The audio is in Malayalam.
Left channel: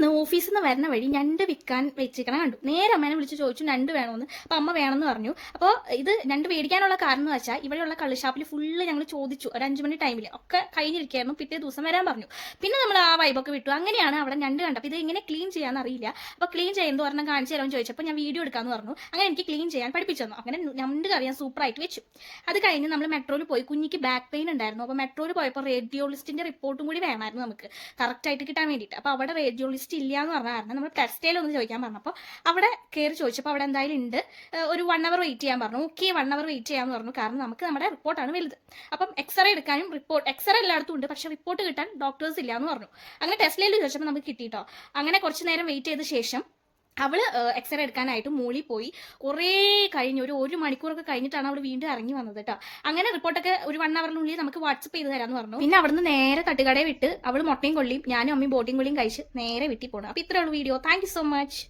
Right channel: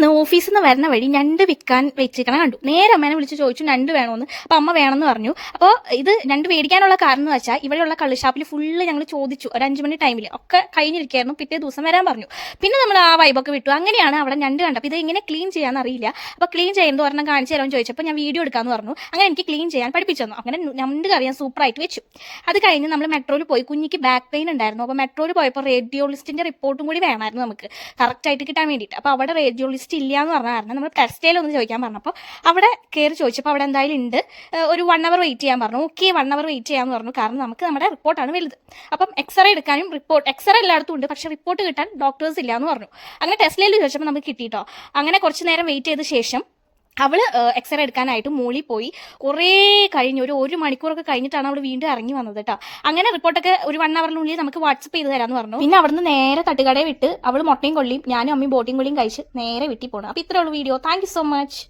ഇന്ന് ഓഫീസിൽ നിന്ന് വരുന്ന വഴി ഞണ്ട് വിൽക്കാൻ വെച്ചിരിക്കണം കണ്ടു. നേരെ അമ്മേനെ വിളിച്ച് ചോദിച്ചു ഞണ്ട് വേണമെന്ന്. അപ്പോൾ അമ്മ വേണമെന്ന് പറഞ്ഞു. അപ്പോൾ ഇത് ഞണ്ട് മേടിക്കാനുള്ള കാരണം എന്ന് വെച്ചാൽ ഇവിടെയുള്ള കള്ളുഷാപ്പിൽ ഫുള്ള് ഞങ്ങൾ ചോദിച്ചു. ഒരു 5 മണി ടൈമിൽ ഒക്കെ കഴിഞ്ഞിരിക്കുകയായിരുന്നു. പിറ്റേ ദിവസം വരാൻ പറഞ്ഞു. പിന്നെ നമ്മൾ ആ വൈബൊക്കെ വിട്ടു. അങ്ങനെയാണ് അവിടെ ഞണ്ട് കണ്ടത്. അപ്പോൾ ഇത് എങ്ങനെ ക്ലീൻ ചെയ്യാന്ന് അറിയില്ല. അപ്പോൾ ക്ലീൻ ചെയ്യുന്നത് ഒരെണ്ണം കാണിച്ചു തരാമെന്ന് ചോദിച്ചപ്പോൾ ഞാൻ വീഡിയോ എടുക്കാമെന്ന് പറഞ്ഞു. അങ്ങനെ എനിക്ക് ക്ലീൻ ചെയ്യാൻ പഠിപ്പിച്ചു തന്നു. അങ്ങനെ ഞണ്ട് കറി ഞാൻ സൂപ്പറായിട്ട് വെച്ചു. അത് കഴിഞ്ഞ് നമ്മൾ മെട്രോയിൽ പോയി. കുഞ്ഞിക്ക് ബാക്ക് പെയിൻ ഉണ്ടായിരുന്നു. അപ്പോൾ മെട്രോയിൽ പോയപ്പോൾ റേഡിയോളിസ്റ്റിൻ്റെ റിപ്പോർട്ടും കൂടി വേണമായിരുന്നു നമുക്ക് കറക്റ്റായിട്ട് കിട്ടാൻ വേണ്ടിയിട്ട്. അപ്പോൾ അവിടെ റേഡിയോളിസ്റ്റ് ഇല്ല എന്ന് പറഞ്ഞ കാരണം നമ്മൾ ടെക്സ്റ്റൈലൊന്ന് ചോദിക്കാൻ പറഞ്ഞപ്പോൾ അവിടെ കയറി ചോദിച്ചപ്പോൾ അവിടെ എന്തായാലും ഉണ്ട്, ഒരു 1 അവർ വെയിറ്റ് ചെയ്യാൻ പറഞ്ഞു. ഓക്കെ 1 അവർ വെയിറ്റ് ചെയ്യാമെന്ന് പറഞ്ഞു. കാരണം നമുക്ക് നമ്മുടെ റിപ്പോർട്ടാണ് വലുത്. അപ്പം എക്സ്റേ എടുക്കാനും എക്സ്റേ എല്ലായിടത്തും ഉണ്ട്, പക്ഷേ റിപ്പോർട്ട് കിട്ടാൻ ഡോക്ടേഴ്സ് ഇല്ല എന്ന് പറഞ്ഞു. അങ്ങനെ ടെസ്റ്റിൽ ചോദിച്ചപ്പോൾ നമുക്ക് കിട്ടിയിട്ടോ. അങ്ങനെ കുറച്ച് നേരം വെയിറ്റ് ചെയ്ത ശേഷം അവൾ എക്സ്റേ എടുക്കാനായിട്ട് മോളിൽ പോയി. കുറേ കഴിഞ്ഞ് ഒരു മണിക്കൂറൊക്കെ കഴിഞ്ഞിട്ടാണ് അവൾ വീണ്ടും ഇറങ്ങി വന്നത് കേട്ടോ. അങ്ങനെ റിപ്പോർട്ടൊക്കെ ഒരു 1 അവറിനുള്ളിൽ നമുക്ക് വാട്സപ്പ് ചെയ്ത് തരാമെന്ന് പറഞ്ഞു. പിന്നെ അവിടുന്ന് നേരെ തട്ടുകടയെ വിട്ട് അവൾ മുട്ടയും കൊള്ളിയും ഞാനും അമ്മയും ബോട്ടിയും കൊള്ളിയും കഴിച്ച് നേരെ വീട്ടിൽ പോകണം. അപ്പോൾ ഇത്രയുള്ള video. Thank you so much.